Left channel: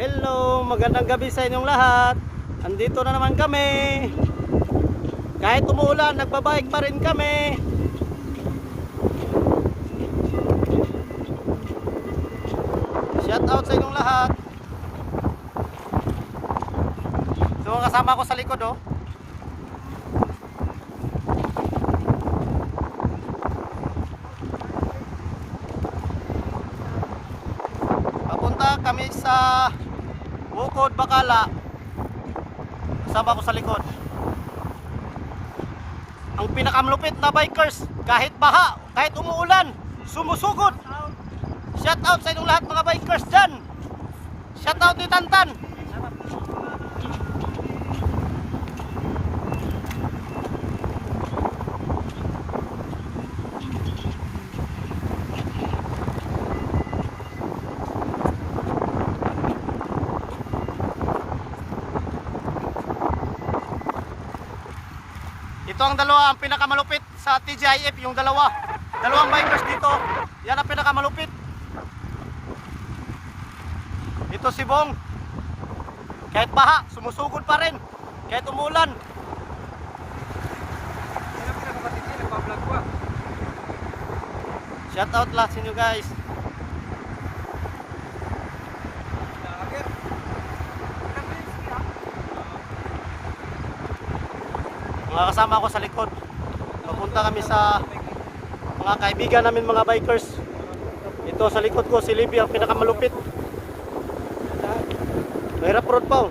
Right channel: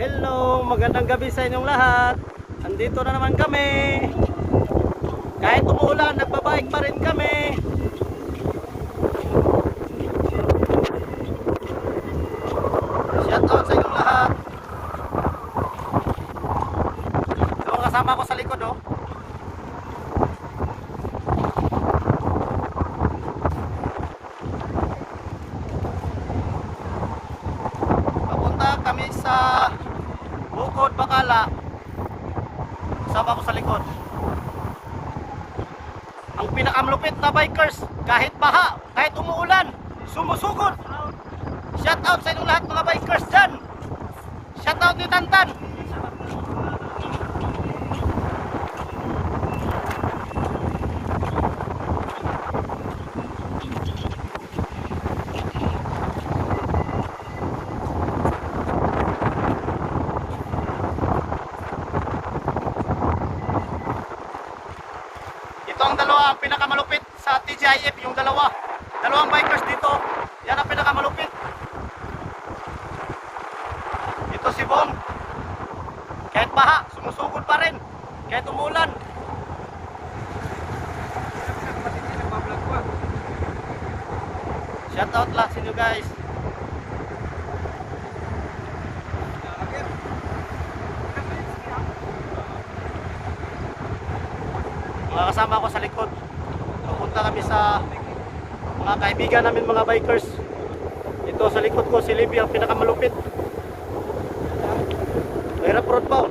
Hello, magandang gabi sa inyong lahat. Andito na naman kami. Kahit umuulan, nagbabike pa rin kami. Shout out sa inyong lahat. So, kasama ko sa likod, oh. Papunta kami sa Bukod, Bacala. Kasama ko sa likod. Ang pinakamalupit na bikers, kahit baha, kahit umuulan, sumusugod. Shout out sa inyong lahat mga bikers dyan. Shout out ni Tantan. Ito ang dalawa, ang pinakamalupit sa TGIF, yung dalawang bikers dito. Yan ang pinakamalupit. Ito si Bong. Kahit baha, sumusugod pa rin. Kahit umulan. Yan ang pinakamatindi, nagpa-vlog ko. Shout out lahat sa inyo guys. Mga kasama ko sa likod. Papunta kami sa mga kaibigan namin mga bikers. Ito sa likod ko si Libby ang pinakamalupit. Mahirap road pa, oh.